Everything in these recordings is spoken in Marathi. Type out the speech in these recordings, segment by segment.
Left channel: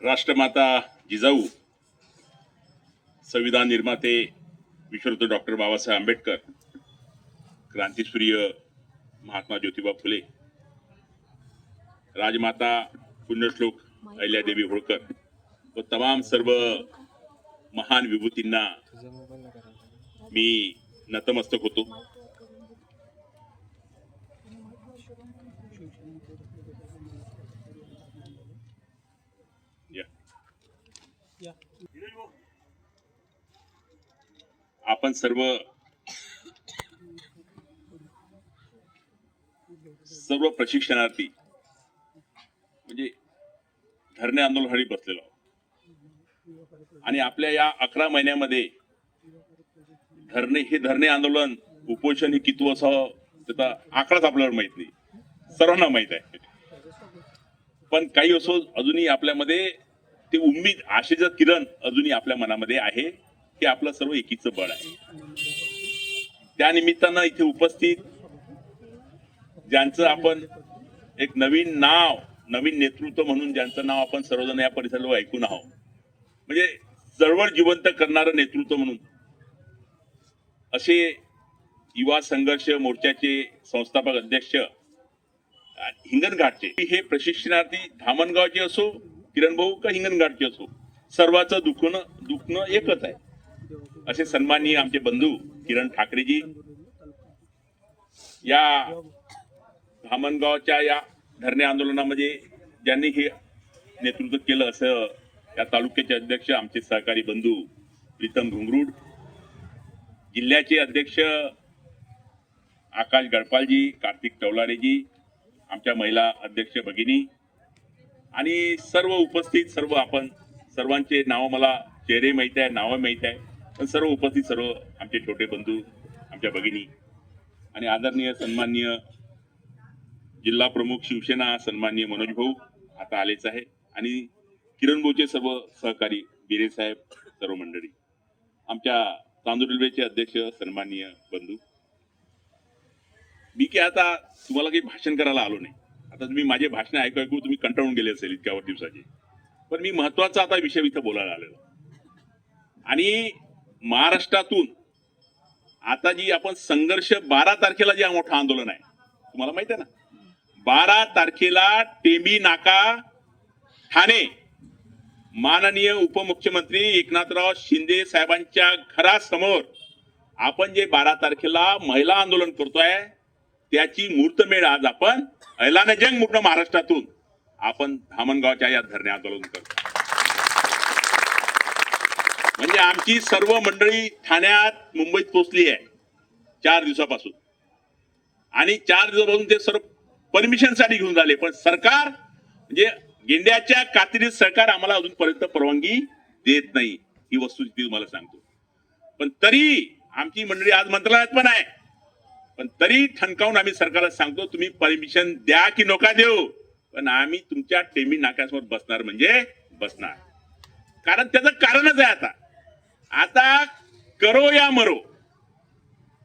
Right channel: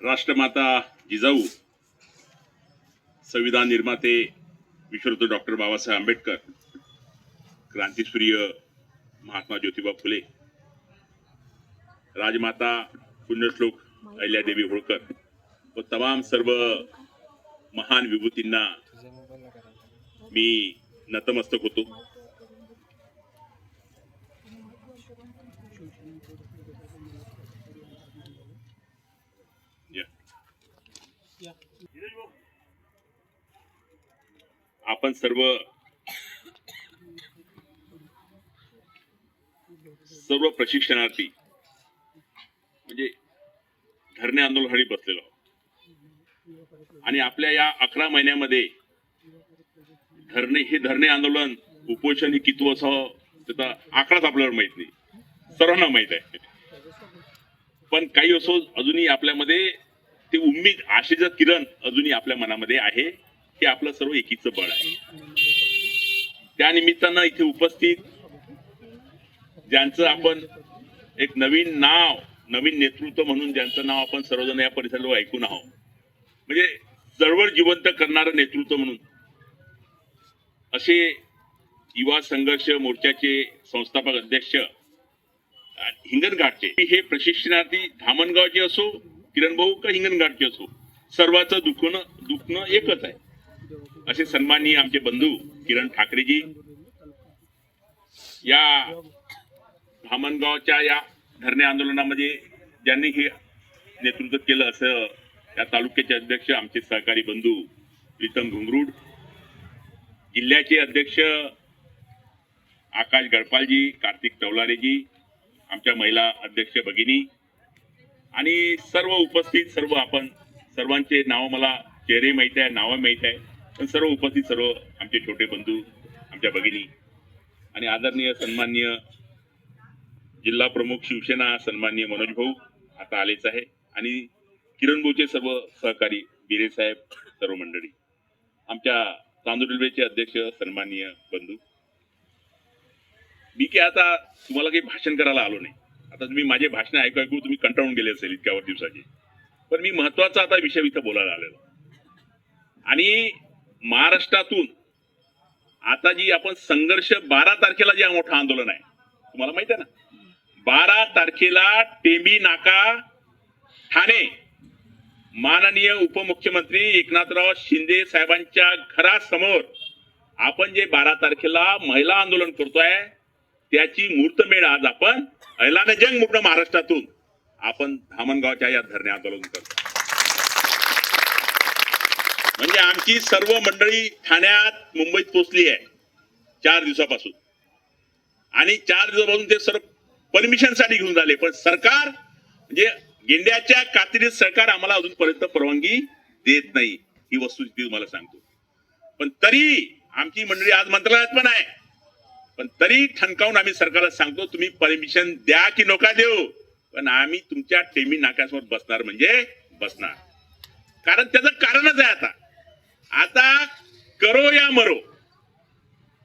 राष्ट्रमाता जिजाऊ संविधान निर्माते विश्वरत्न डॉक्टर बाबासाहेब आंबेडकर क्रांतीसूर्य महात्मा ज्योतिबा फुले राजमाता पुण्यश्लोक अहिल्यादेवी होळकर व तमाम सर्व महान विभूतींना मी नतमस्तक होतो. आपण सर्व सर्व प्रशिक्षणार्थी म्हणजे धरणे आंदोलनासाठी बसलेलो आहोत. आणि आपल्या या अकरा महिन्यामध्ये धरणे हे धरणे आंदोलन उपोषण हे किती असावं त्याचा आकडाच आपल्याला माहीत नाही. सर्वांना माहीत आहे. पण काही असो अजूनही आपल्यामध्ये ते उम्मीद आशेचं किरण अजूनही आपल्या मनामध्ये आहे. हे आपलं सर्व एकीचं बळ आहे. त्या निमित्तानं इथे उपस्थित ज्यांचं आपण एक नवीन नाव नवीन नेतृत्व म्हणून ज्यांचं नाव आपण सर्वजण या परिसरावर ऐकून आहोत. म्हणजे चळवळ जिवंत करणारं नेतृत्व म्हणून. असे युवा संघर्ष मोर्चाचे संस्थापक अध्यक्ष हिंगणघाटचे. हे प्रशिक्षणार्थी धामणगावचे असो किरण भाऊ का हिंगणघाटचे असो सर्वांचं दुखणं दुखणं एकच आहे. असे सन्माननीय आमचे बंधू किरण ठाकरेजी या धामणगावच्या या धरणे आंदोलनामध्ये ज्यांनी हे नेतृत्व केलं असं या तालुक्याचे अध्यक्ष आमचे सहकारी बंधू प्रीतम घुंगरूड जिल्ह्याचे अध्यक्ष आकाश गडपालजी कार्तिक टवलारेजी आमच्या महिला अध्यक्ष भगिनी आणि सर्व उपस्थित सर्व आपण सर्वांचे नाव मला चेहरे माहीत आहे नावं माहीत आहे. सर्व उपस्थित सर्व आमचे छोटे बंधू आमच्या भगिनी आणि आदरणीय सन्माननीय जिल्हा प्रमुख शिवसेना सन्मान्य मनोज भाऊ आता आलेच आहे आणि किरण भाऊचे सर्व सहकारी बिरे साहेब सर्व मंडळी आमच्या तांदूळ रेल्वेचे अध्यक्ष सन्माननीय बंधू. मी की आता तुम्हाला काही भाषण करायला आलो नाही. आता तुम्ही माझे भाषण ऐकू ऐकू तुम्ही कंटाळून गेले असेल इतक्यावर दिवसाचे. पण मी महत्त्वाचा आता विषय इथं बोलायला आलेलो. आणि महाराष्ट्रातून आता जी आपण संघर्ष बारा तारखेला जे मोठं आंदोलन आहे तुम्हाला माहीत आहे ना? बारा तारखेला टेमी नाका ठाणे माननीय उपमुख्यमंत्री एकनाथराव शिंदे साहेबांच्या घरासमोर आपण जे बारा तारखेला महिला आंदोलन करतोय त्याची मूर्तमेळ आज आपण ऐलान जंग मुठं महाराष्ट्रातून आपण धामणगावच्या या धरणे आंदोलन करतो म्हणजे आमची सर्व मंडळी ठाण्यात मुंबईत पोहोचली आहे. चार दिवसापासून. आणि चार दिवसापासून ते सर्व परमिशनसाठी घेऊन झाले. पण सरकार म्हणजे गेंड्याच्या कात्रीत सरकार आम्हाला अजूनपर्यंत परवानगी देत नाही. ही वस्तुस्थिती तुम्हाला सांगतो. पण तरी आमची मंडळी आज मंत्रालयात पण आहे. पण तरी ठणकावून आम्ही सरकारला सांगतो तुम्ही परमिशन द्या की नका देऊ. पण आम्ही तुमच्या टेमी नाक्यासमोर बसणार म्हणजे बसणार. कारण त्याचं कारणच आहे आता. आता करो या मरो.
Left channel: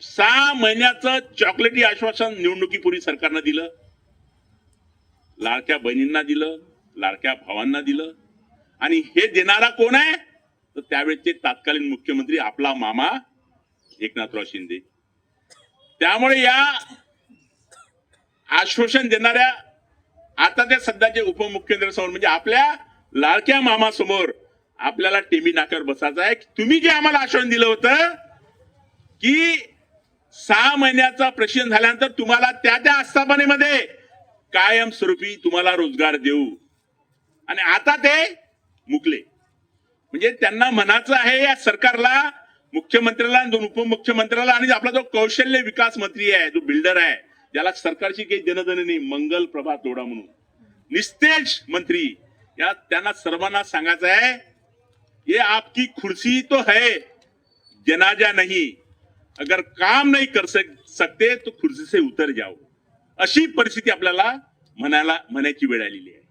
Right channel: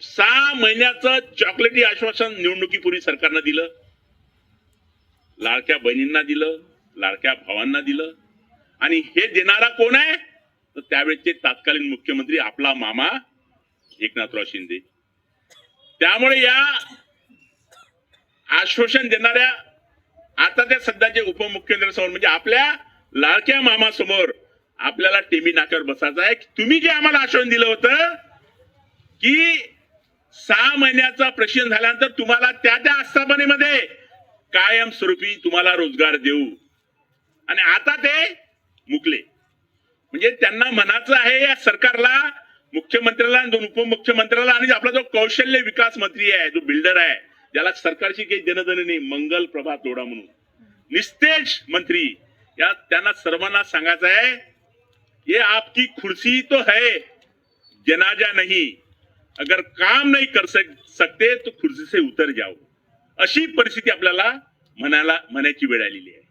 सहा महिन्याचं चॉकलेटी आश्वासन निवडणुकीपूर्वी सरकारनं दिलं. लाडक्या बहिणींना दिलं लाडक्या भावांना दिलं. आणि हे देणारा कोण आहे? तर त्यावेळेचे तत्कालीन मुख्यमंत्री आपला मामा एकनाथराव शिंदे. त्यामुळे या आश्वासन देणाऱ्या आता त्या सध्याचे उपमुख्यमंत्री समोर म्हणजे आपल्या लाडक्या मामा समोर आपल्याला टेमी नाक्यावर बसायचं आहे. तुम्ही जे आम्हाला आश्वासन दिलं होतं की सहा महिन्याचा प्रशिक्षण झाल्यानंतर तुम्हाला त्या त्या आस्थापनेमध्ये कायमस्वरूपी तुम्हाला रोजगार देऊ. आणि आता ते मुकले. म्हणजे त्यांना म्हणायचं आहे या सरकारला मुख्यमंत्र्याला आणि दोन उपमुख्यमंत्र्याला आणि आपला जो कौशल्य विकास मंत्री आहे जो बिल्डर आहे ज्याला सरकारशी काही देणं नाही मंगल प्रभात तोडा म्हणून. निस्तेज मंत्री या त्यांना सर्वांना सांगायचं आहे ये आपकी कुर्सी तो है जनाजा नहीं। अगर काम नहीं कर सकते तो खुर्सी से उतर जाओ। अशी परिस्थिती आपल्याला म्हणायला म्हणायची वेळ आलेली आहे.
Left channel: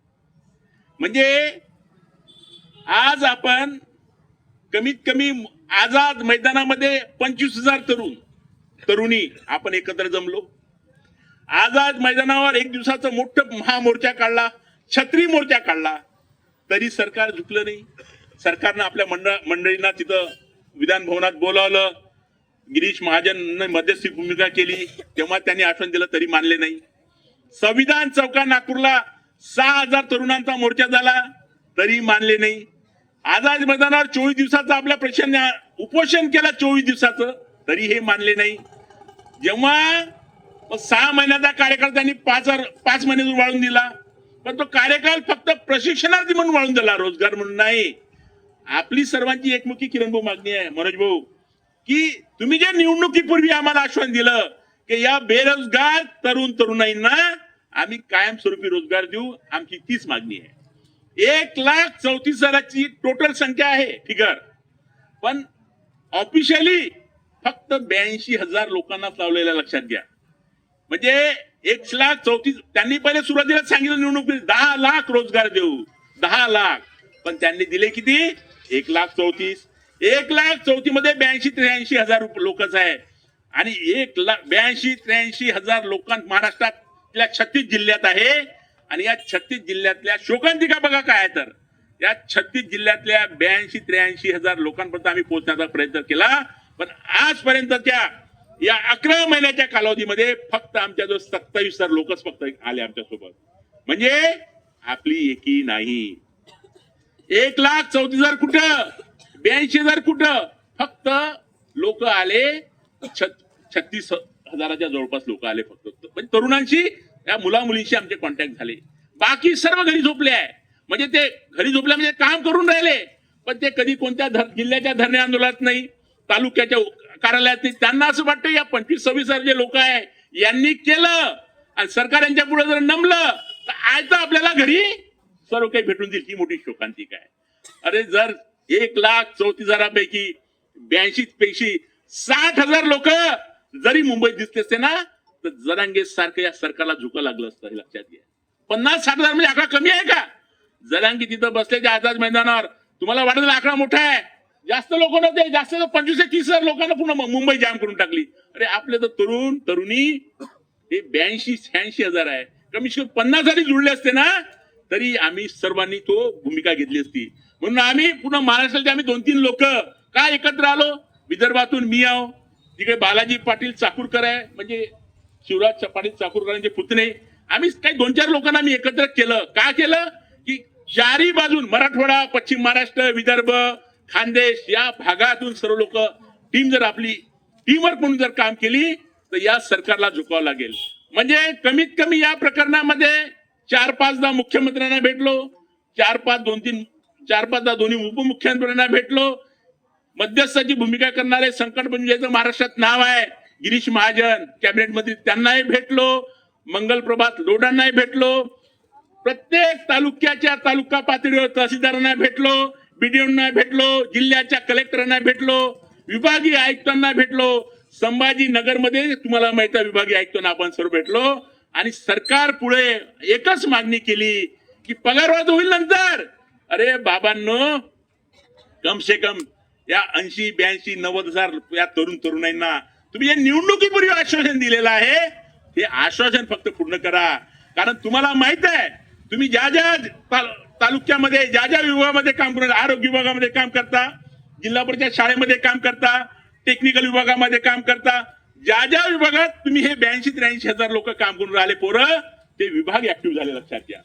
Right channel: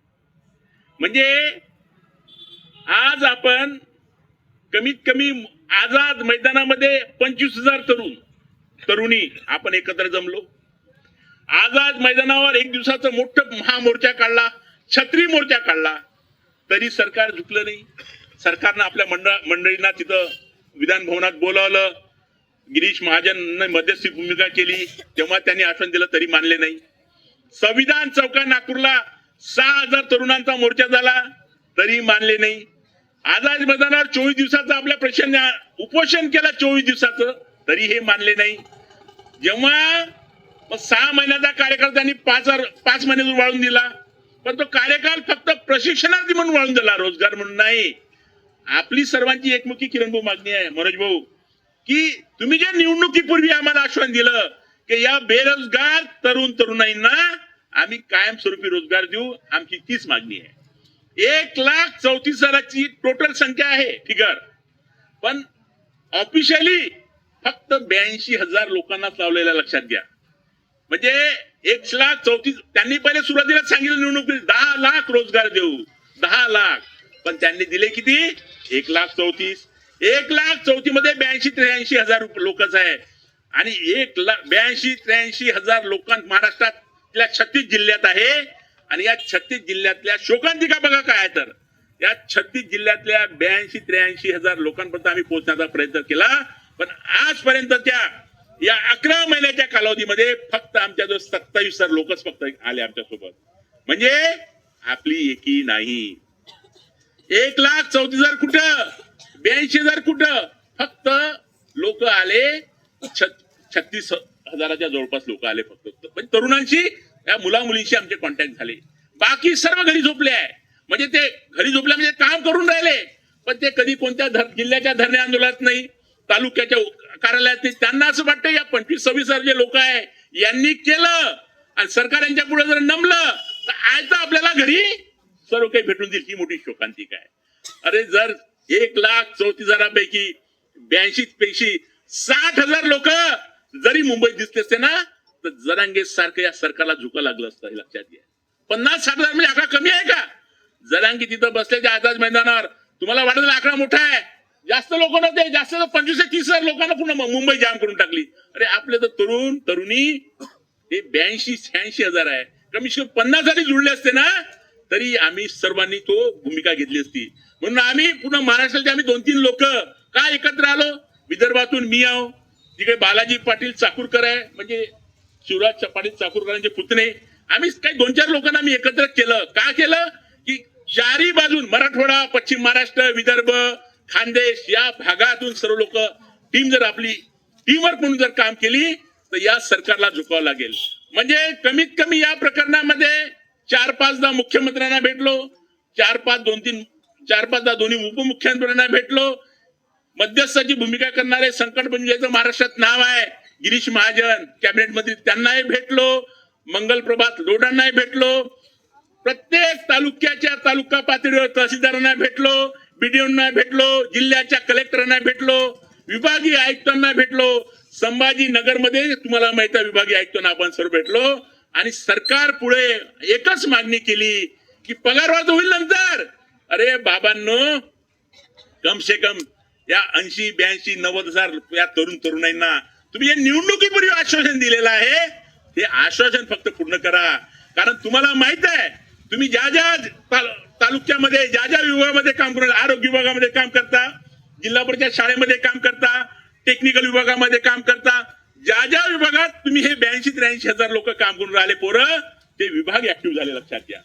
म्हणजे आज आपण कमीत कमी आझाद मैदानामध्ये पंचवीस हजार तरुण तरुणी आपण एकत्र जमलो. आझाद मैदानावर एक दिवसाचा मोठं महामोर्चा काढला छत्री मोर्चा काढला. तरी सरकार झुकलं नाही. सरकारनं आपल्या मंडळ मंडळींना तिथं विधान भवनात बोलावलं. गिरीश महाजन मध्यस्थी भूमिका केली. तेव्हा त्यांनी आश्वासन दिलं तरी मानले नाही. संविधान चौका नागपूरला सहा हजार तरुणांचा मोर्चा झाला तरी मानले नाही. आझाद मैदानावर चोवीस दिवसाचा आपल्या प्रश्न उपोषण केला चोवीस दिवसाचं तरी हे मानले नाही. जेव्हा सहा महिन्याचा कार्यकाळ त्यांनी पाच हजार पाच महिने वाळून दिला पण तो कार्यकाळ फक्त प्रशिक्षणार्थी म्हणून वाळून दिला रोजगार म्हणून नाही. आपली सर्वांची एकमुखी किरण भाऊ मागणी आहे मनोज भाऊ. की तुम्ही ज्या निवडणुकीपूर्वी आम्हाला आश्वासन दिलं की या बेरोजगार तरुण तरुणाईंना आम्ही कायमस्वरूपी रोजगार देऊ आमची तीच मागणी आहे. एक लाख चौतीस हजाराची टोटल संख्या आहे फिगर पण ऑफिशियली फक्त ब्याऐंशी हजार लोकांना लावलेल्या लक्षात घ्या. म्हणजे एक लाख चौतीस त्यांनी पहिले सुरुवातीला सांगितलं निवडणुकीत दहा लाख रोजगार देऊ दहा लाख. पण त्यांनी दिले किती? एक लाख चौतीस एक लाख चौथी मध्ये ब्याऐंशी त्र्याऐंशी हजार लोकच आहे. आणि एक लाख ब्याऐंशी त्र्याऐंशी हजार लोकां महाराष्ट्रातल्या छत्तीस जिल्ह्यात आहे. आणि या छत्तीस जिल्ह्यातल्या शोकांतिका बघा काय तर. या छत्तीस जिल्ह्यातल्या ब्याऐंशी त्र्याऐंशी हजार लोकांपर्यंत आम्ही पोहोचण्याचा प्रयत्न केला. पण आजपर्यंतच्या या अकरा महिन्याच्या कालावधीमध्ये फक्त आमच्या जो सत्तावीस हजार लोकच फक्त आले आमच्यासोबत म्हणजे आपली एकी नाही. एक लाख चौतीस हजार कुठं? ब्याऐंशी हजार कुठं? फक्त लोक आले छत्तीस हजाराच्या जवळपास लोक आले फक्त म्हणजे तरुणांशी या मुला मुलींशी आमचे कॉन्टॅक्ट झाले. बाकी सर्व घरी झोपले आहे. म्हणजे ते घरी झोपले म्हणजे काम करून राहिले. पण ते कधी कोणत्या धर- जिल्ह्याच्या धरणे आंदोलनात नाही तालुक्याच्या कार्यालयात नाही. त्यांना असं वाटतं या पंचवीस सव्वीस हजार जे लोक आहे यांनी केलं. आणि सरकार यांच्या पुढे जर नमलं तर आज तर आपल्याला घरी सर्व काही भेटून देईल ही मोठी शोकांतिका आहे. अरे जर एक लाख चौतीस हजारापैकी ब्याऐंशी पैकी साठ हजार लोक जरी मुंबईत दिसले असते ना तर जरांगे सारखं या सरकारला झुका लागलं असतं हे लक्षात घ्या. पन्नास साठ हजार म्हणजे आकडा कमी आहे का? जरांगी तिथं बसल्याच्या आझाद मैदानावर. तुम्हाला वाटत आकडा मोठा आहे? जास्त लोक नव्हते जास्त पंचवीस ते तीस हजार लोकांना पुन्हा मुंबई जाम करून टाकली. अरे आपले तर तरुण तरुणी हे ब्याऐंशी शहाऐंशी हजार आहे. कमी कमी पन्नास जरी जुळले असते ना तरी आम्ही सर्वांनी तो भूमिका घेतली असती. म्हणून आम्ही पूर्ण महाराष्ट्राचे आम्ही दोन तीन लोक का एकत्र आलो? विदर्भातून मी आहो. तिकडे बालाजी पाटील चाकूरकर आहे म्हणजे शिवराज पाटील चाकूरकरांचे पुतणे. आम्ही काही दोन चार लोकांना आम्ही एकत्र केलं. का केलं? की चारी बाजून मराठवाडा पश्चिम महाराष्ट्र विदर्भ खानदेश या भागातून सर्व लोक टीम जर आपली टीमवर्क म्हणून जर काम केली तर या सरकारला झुकावं लागेल. म्हणजे कमीत कमी या प्रकरणामध्ये चार पाचदा मुख्यमंत्र्यांना भेटलो. चार पाच दोन तीन चार पाचदा दोन्ही उपमुख्यमंत्र्यांना भेटलो. मध्यस्थाची भूमिका करणारे संकट म्हणजे मंजुळेचं महाराष्ट्रात नाव आहे. गिरीश महाजन कॅबिनेट मंत्री त्यांनाही भेटलो. मंगल प्रभात लोडांनाही भेटलो. प्रत्येक तालुक्याच्या तालुका पातळीवर तहसीलदारांना भेटलो. बीडीओना भेटलो. जिल्ह्याच्या कलेक्टरांना भेटलो. विभागीय आयुक्तांना भेटलो. संभाजी मध्ये तुम्हाला माहिती आहे विभागीय आयुक्तांना आपण सर्व भेटलो. आणि सरकार पुढे एकच मागणी केली की पगारवाद होईल नंतर. अरे बाबांनो कम से कम या ऐंशी ब्याऐंशी नव्वद हजार या तरुण तरुणांना तुम्ही या निवडणुकीपूर्वी आश्वासन दिलेलं आहे. हे आश्वासन फक्त पूर्ण करा. कारण तुम्हाला माहीत आहे तुम्ही ज्या ज्या तालुक्यामध्ये ज्या ज्या विभागामध्ये काम करून आरोग्य विभागामध्ये काम करता जिल्हा परिषद शाळेमध्ये काम करता टेक्निकल विभागामध्ये काम करता ज्या ज्या विभागात तुम्ही हे ब्याऐंशी त्र्याऐंशी हजार लोक काम करून राहिले पोरं ते विभाग ऍक्टिव्ह झाले लक्षात घ्या.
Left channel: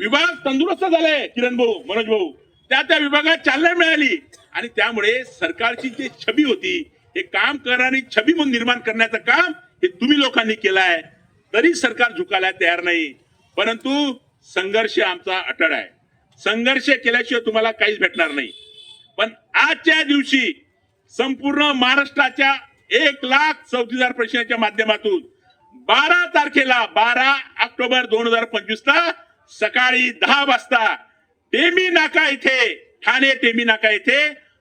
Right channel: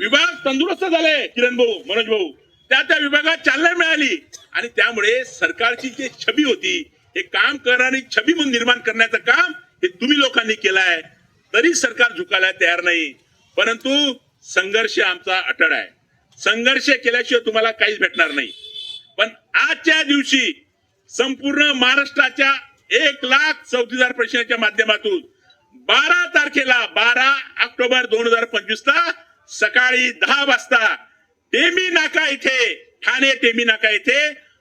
विभाग तंदुरुस्त झाले किरण भाऊ मनोज भाऊ. त्या त्या विभागात चालना मिळाली. आणि त्यामुळे सरकारची जी छबी होती हे काम करणारी छबी म्हणून निर्माण करण्याचं काम हे तुम्ही लोकांनी केलं आहे तरी सरकार झुकायला तयार नाही. परंतु संघर्ष आमचा अटळ आहे. संघर्ष केल्याशिवाय तुम्हाला काहीच भेटणार नाही. पण आजच्या दिवशी संपूर्ण महाराष्ट्राच्या एक लाख चौतीस हजार प्रश्नाच्या माध्यमातून बारा तारखेला बारा ऑक्टोबर दोन हजार पंचवीस ला सकाळी दहा वाजता टेमी नाका इथे ठाणे टेमी नाका येथे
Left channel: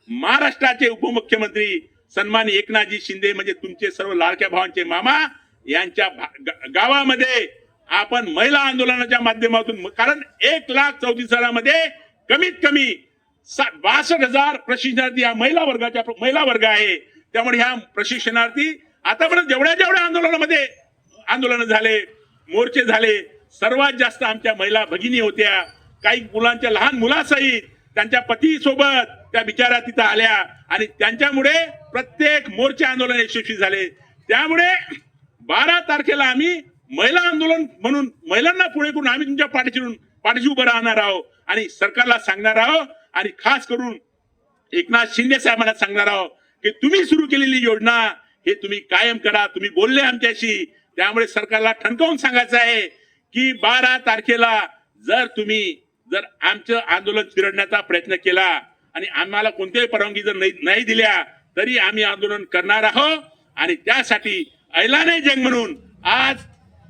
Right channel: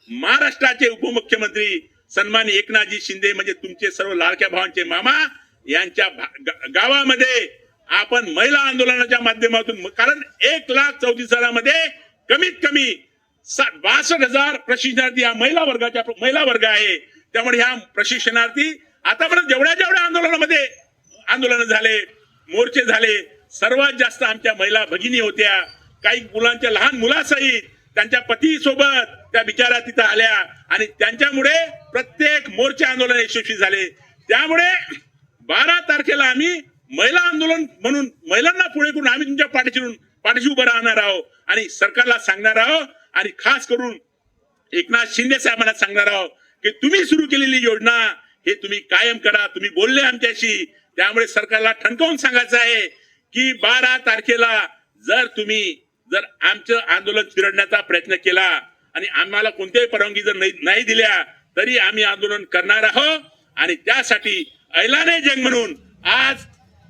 महाराष्ट्राचे उपमुख्यमंत्री सन्मान एकनाथजी शिंदे म्हणजे तुमचे सर्व लाडक्या भावांचे मामा यांच्या भा- गावामध्ये आपण महिला आंदोलनाच्या माध्यमातून कारण एक लाख चौतीस हजारामध्ये कमीत कमी बासष्ट हजार प्रशिक्षणार्थी या महिला वर्गाच्या महिला वर्ग आहे. त्यामुळे ह्या प्रशिक्षणार्थी आतापर्यंत जेवढ्या जेवढ्या आंदोलनामध्ये आंदोलन झाले मोर्चे झाले सर्वात जास्त आमच्या महिला भगिनी होत्या काही मुलांच्या लहान मुलासहित त्यांच्या पती सोबत त्या बिचाऱ्या तिथं आल्या आणि त्यांच्यामुळे प्रत्येक मोर्चे आंदोलन यशस्वी झाले. त्यामुळे बारा तारखेला आम्ही महिला आंदोलन म्हणून महिलांना पुढे करून आम्ही तुमच्या पाठीशी पाठीशी उभं राहणार आहोत आणि सरकारला सांगणार आहोत आणि खास करून एकनाथ शिंदे साहेबांना सांगणार आहोत की तुम्ही सुरू केलेली योजना हे तुम्ही कायम करा तुम्ही बोलले आमच्याशी. त्यामुळे सरकारला ठणकावून सांगायचं आहे की बारा तारखेला जर तुम्ही जर आमचं आंदोलन चिरडण्याचा प्रयत्न केला आणि आम्हाला कोणत्याही परवानगी जर नाही दिल्या तरी आम्ही आंदोलन करणार आहोत. आणि त्यासाठी ऐलाने जंग म्हणून आज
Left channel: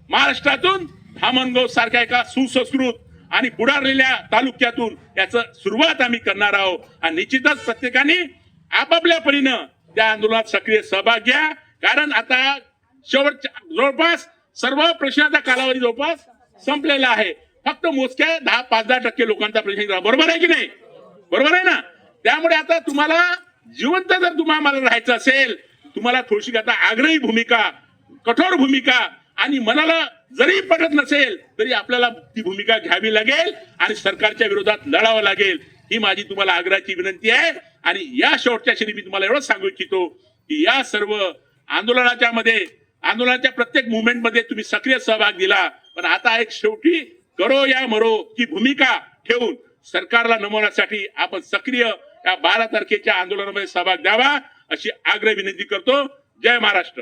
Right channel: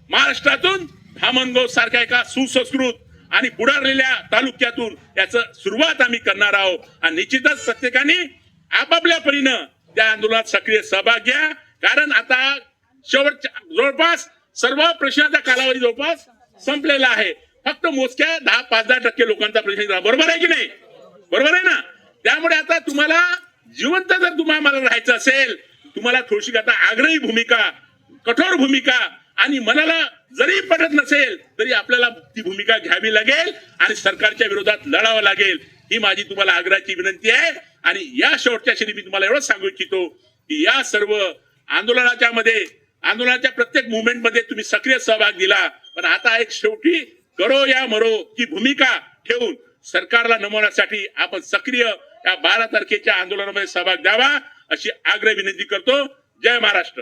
महाराष्ट्रातून धामणगाव सारख्या एका सुसंस्कृत आणि पुढारलेल्या तालुक्यातून याच सुरुवात आम्ही करणार आहोत. आणि निश्चितच प्रत्येकाने आपापल्या परीनं त्या आंदोलनात सक्रिय सहभाग घ्या. कारण आता शेवटच्या जवळपास सर्व प्रश्नाचा कालावधी जवळपास संपलेला आहे. फक्त मोजक्या दहा पाच दहा टक्के लोकांचा प्रश्न बरोबर आहे की नाही? बरोबर आहे ना? त्यामुळे आता तुम्हाला जिवंत जर तुम्हाला राहायचं असेल तुम्हाला थोडीशी आता आग्रही भूमिका कठोर भूमिका आणि मनाला जरी पटत नसेल तरी आपल्याला ती भूमिका घ्यावी लागेल आणि सरकारच्या विरोधात लढावं लागेल. ही माझी तुम्हाला आग्रहाची विनंती आहे. आणि या शेवटच्या क्षणी मी तुम्हाला एवढंच सांगू इच्छितो की या सर्व आंदोलनाच्या मध्ये आंदोलनाच्या प्रत्येक मुवमेंटमध्ये तुम्ही सक्रिय सहभाग दिला. पण आता एक शेवटी करो या मरो ही भूमिका ठेवून सरकारला नमवण्यासाठी आपण सक्रिय या बारा तारखेच्या आंदोलनामध्ये सहभाग द्यावा अशी आग्रह विनंती करतो. जय महाराष्ट्र.